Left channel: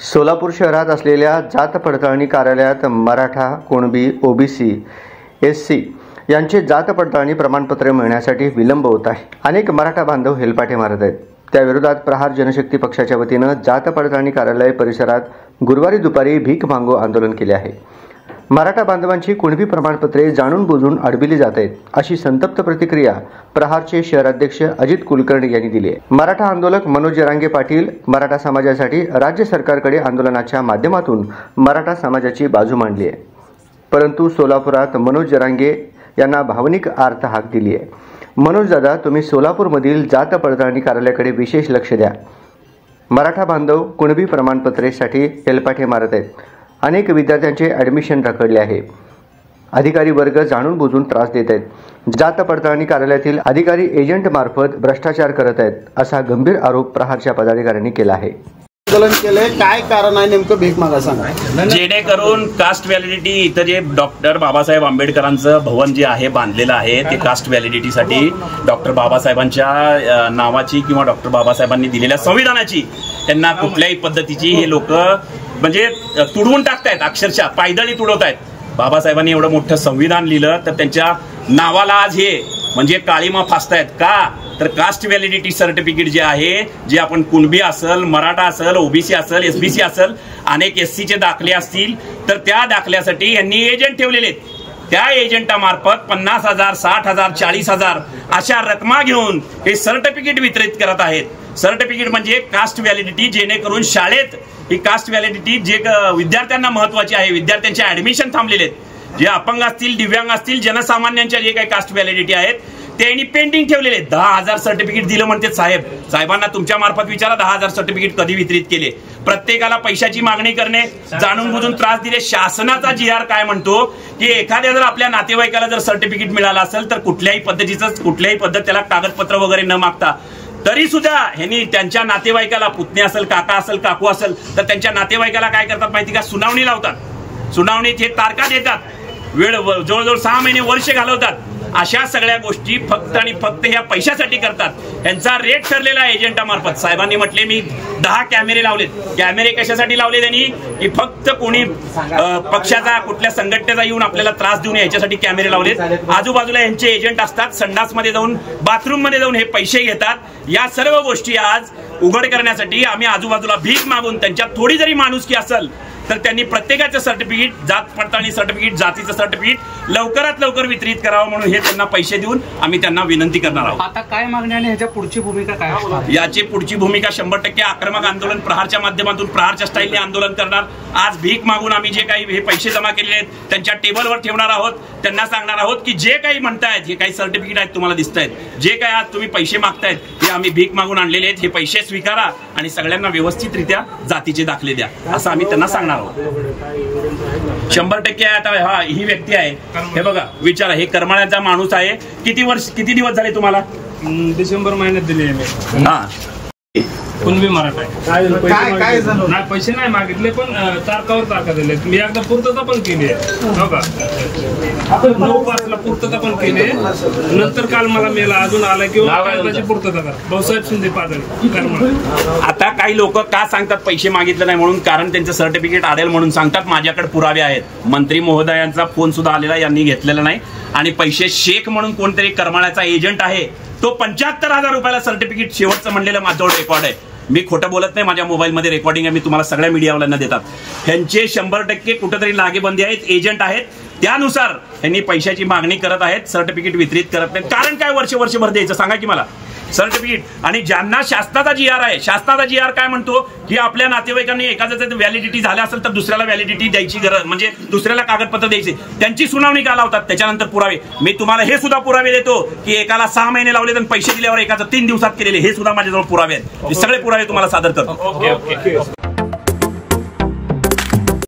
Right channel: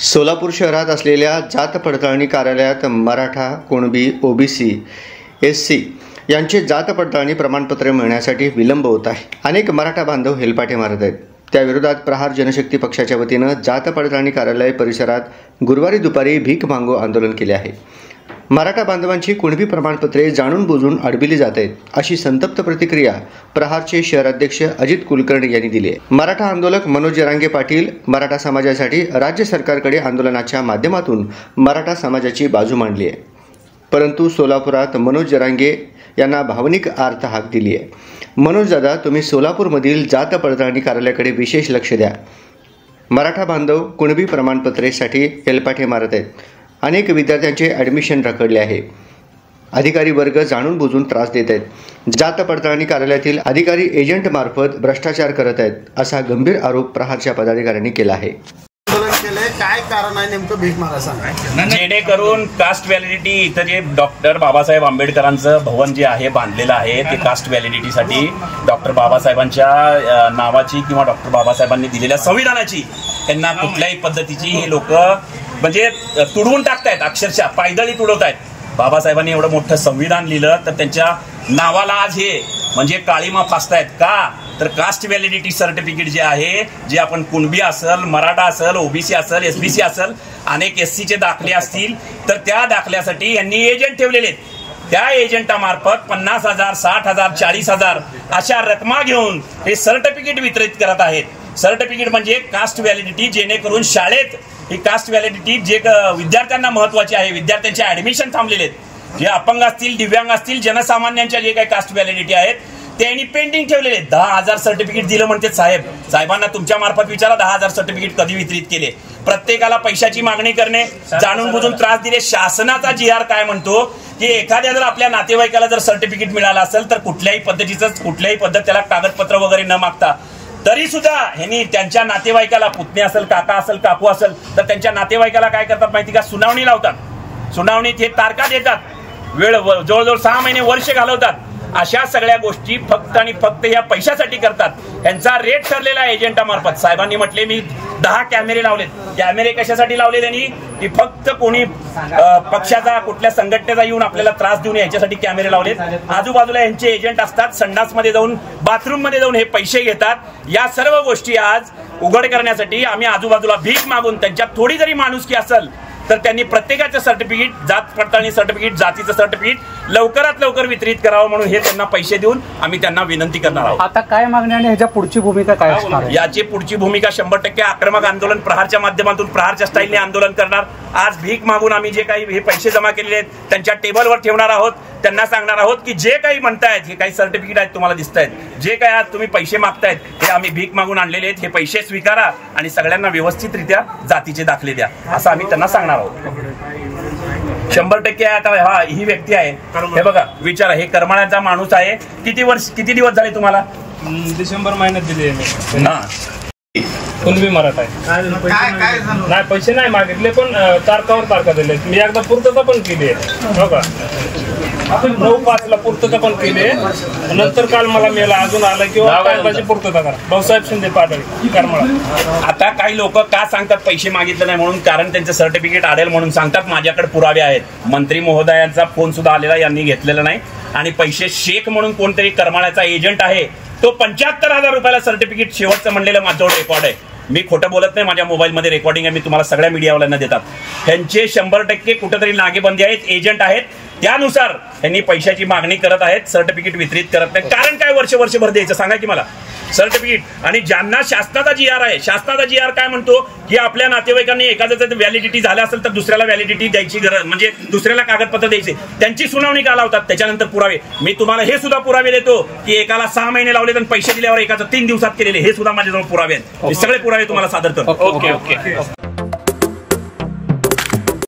सोलापूर शहरात असलेल्या जात पडताळणी कार्यालयात मराठा, कुणबी, ओबीसी, एससी यांचे जात पडताळणी प्रमाणपत्र मिळण्यासाठी विलंब होत आहे. अनेक मराठा बांधव हेलपाटे मारत आहेत. त्याविरोधात प्रहार जनशक्ती पक्षाच्या वतीनं जात पडताळणी कार्यालय परिसरात गुरुवारी दुपारी भीक मागो आंदोलन केले आहे. मराठा बांधवांची कुणबी प्रमाणपत्रे जाणून बुजून अडविली जात आहेत, अशी संतप्त प्रतिक्रिया प्रहारचे शहराध्यक्ष अजित कुलकर्णी यांनी दिली आहे. मराठा आंदोलक मनोज जरांगे पाटील मराठा समाजासाठी राज्य सरकारकडे आंदोलनाच्या माध्यमातून मराठा समाजाची बाजू मांडली आहे. परंतु सोलापुरात मनोज जरांगे यांना भावनिक आर्त हाक दिली आहे. मनोज दादा, तुम्ही सोलापूरमधील जात पडताळणी कार्यालयाकडे विशेष लक्ष द्या. मराठा बांधव कुणबी प्रमाणपत्रेसाठी हेलपाटे मारत आहेत. अनेक विद्यार्थ्यांचे ॲडमिशन रखडले आहे. अधिकारी वर्ग जाणून बुजून त्रास देत आहेत. जात पडताळणी कार्यालयातील अधिकारी एजंटमार्फत भ्रष्टाचार करत आहेत, असा गंभीर आरोप प्रहारच्या पदाधिकाऱ्यांनी केला आहे. काय कारण आहे नेमकं भीक मागा सांगा. जेणेकरून कास्ट व्हॅलिडिटी इथं जे डॉक्टर बाबासाहेब आंबेडकरांचं भवन जे आहे बांधलेलं आहे ते कास्ट व्हॅलिडिटीसाठी डॉक्टर बाबासाहेबांच्या नावाची किंवा डॉक्टर बाबासाहेबांनी दिलेल्या संविधानाची त्यांना कुठल्याही पद्धतीची हे लोक म्हणजे तुडवून टाकतायत, अक्षरशः पायदळी तुडवतायत. बाबासाहेबांनी एवढं मोठं संविधान लिहिलं तर त्यांच्या नावाला आज हे म्हणजे काळीमा फासतायत का? तर कास्ट व्हॅलिडिटी सर्टिफिकेट जे आहे, जे आपण कुणबी असेल, मराठा असेल, ओबीसी असेल, एसबीसी असेल, अनेक एससीचे दाखले असतील, तर त्या दाखल्यासाठी यांनी एजंट ठेवलेले आहेत. त्या एजंटामार्फत 50,000, 60,000, 40,000 अशा रकमा घेऊन हे सर्टिफिकेट वितरित करत आहेत. सर्टिफिकेट म्हणजे कास्ट व्हॅलिडिटी, जेणेकरून शाळेत ही कास्ट व्हॅलिडिटी जे विद्यार्थ्यांना महत्वाची आहे, विद्यार्थ्यांचे ऍडमिशन थांबलेले आहेत, जे अपंग असतील, दिव्यांग असतील, जनसामान्यांच्या जे काही कास्ट व्हॅलिडिटी आहेत त्यांनी पेंडिंग ठेवलेले. 10,000 सर्टिफिकेट दिलं म्हणते साहेबांना तुमच्या मार्फत विचारा 10,000 सर्टिफिकेट कधी वितरित केले. प्रत्येकाला पैशाची मागणी करणे, जाणून बुजून त्रास दिले. शासनाचा GR काय म्हणतो की एखाद्या जर आपल्या नातेवाईकाला जर सर्टिफिकेट मिळालं असेल तर कुठल्याही पद्धत त्याला कागदपत्र वगैरे न मागता तरी सुद्धा ह्यांनी त्यांच्या नातेवाईकाला, पुतणे असेल, काका असेल, काकू असेल, तर त्यांच्या नातेवाईकाला काय करतात माहिती का? सुनावणी लावतात. सुनावणीत हे तारखा देतात, वेळ जवळजवळ 6 महिने, वर्ष घालवतात. अशा सगळ्या गोष्टी फक्त आणि फक्त ह्या पैशासाठी करतात. यांचा रेट ठरलेला एजंटामार्फत. साहेबांनी म्हटले मी 10 कॅमेरे लावलेत. कॅमेरे कशासाठी लावले त्यांनी? की फक्त कोणी पक्षाचा, कुठल्या संघटनेचा येऊन आपल्याला त्रास देऊन याच्यासाठी कॅमेरे लावलेत. आजूबाजूला यांचे एजंट असतात, संडासमध्ये जाऊन, बाथरूममध्ये जाऊन हे पैसे घेतात. या सर्व गोष्टी आज उघड करण्यासाठी आम्ही आजूबाजूला भीक मागून, त्यांच्यात थोडी जरी माणुसकी असेल तर त्यांनी प्रत्येकाचं सर्टिफिकेट, जात पडताळणी सर्टिफिकेट, जातीचं सर्टिफिकेट लवकरात लवकर वितरित करावं म्हणून हे त्यांना पैसे देऊन आम्ही त्यांना विनंती करणार आहोत. आता काय मागणी आणि ह्याच्या पुढची भूमिका काय असणार? याची पुढची भूमिका 100% आक्रमक आंदोलन, प्रहारच्या माध्यमातून, प्रहारच्या स्टाईलने आंदोलन करणार. आज भीक मागून आम्ही जे काही हे पैसे जमा केलेले आहेत त्यांच्या टेबलवर ठेवणार आहोत. त्यांना सांगणार आहोत की जे काही म्हणतायत, हे काही सर्टिफिकेट आहेत तुम्हाला दिसत आहेत, जे काही आज तुम्ही पैसे मागतायत हे आम्ही भीक मागून आणलेले आहेत. हे पैसे स्वीकारा आणि सगळ्यांना व्यवस्थितरित्या जातीचे दाखले द्या, असं आम्ही त्यांना सांगणार आहोत. 100% आता हा ही व्यक्ती आहे, हे बघा, विचारा, हे करमाळ्याचा माणूस आहे. किती दिवस झाले तुम्हाला? डिसेंबर महिन्यात दिले. कुणबी मराठा आहे. नाही पैसे नाही मागितले, पण तारखावर तारखा दिले. मी एकदा पूर्तता पण केली आहे, हो का? 9/5 पूर्तता पण केली. नंतर काल मला मेल अजून आला किंवा पूर्तता करा. भाऊसाहेब शिंदे पाडळी, करमाळा. आता काही लोक का सांगतात पैसे मागितले नाही म्हणून? कारण त्यांचं सर्टिफिकेट आडेल म्हणून सांगतात. माझ्याकडे पुरावे आहेत. मंत्री महोदयांचा फोन सुद्धा आलेला, यांनी घेतलेला नाही. आणि पैसे शेख म्हणून कोणतरी करमाळ्याचा एजंट आहे, तो 75,000 रुपयाला सर्टिफिकेट शेवटचं म्हणलेलं माझ्यावर रेकॉर्ड आहे. मी खोटं बोलत नाही, माझ्या मोबाईलमध्ये रेकॉर्डिंग आहे, मी तुम्हाला सगळ्या मीडियावाल्यांना देतात. ह्यांचे 100% कुठेतरी नागेबंदी आहेत, एजंट आहेत. त्यानुसार यांनी पैशाची मागणी करत आहेत, सर्टिफिकेट वितरित करत नाही. कारण काय वर्षभर द्यायचं सांगा की मला सर्टिफिकेट? आणि ज्यांना शासनाचा GR आहे, शासनाचा GR काय म्हणतो की आपल्या नातेवाईकांनी एखाद्याचं व्हॅलिडिटी झालं असेल तर दुसऱ्याला व्हॅलिडिटी द्यायची गरज, म्हणजे दुसऱ्याला कागदपत्र द्यायचे. त्यांची सुनावणी का लावतात? त्याच्यानंतर पुरावे. मी तुम्हाला हे सुद्धा पुरावे देतो की एकाला 6 महिने लावले आणि पैसे दिल्यावर एकाचं 3 दिवसात केलेले, हे सुद्धा माझ्याजवळ पुरावे आहेत. हे सगळे पुरावे तुम्हाला सादर करतो. ओके.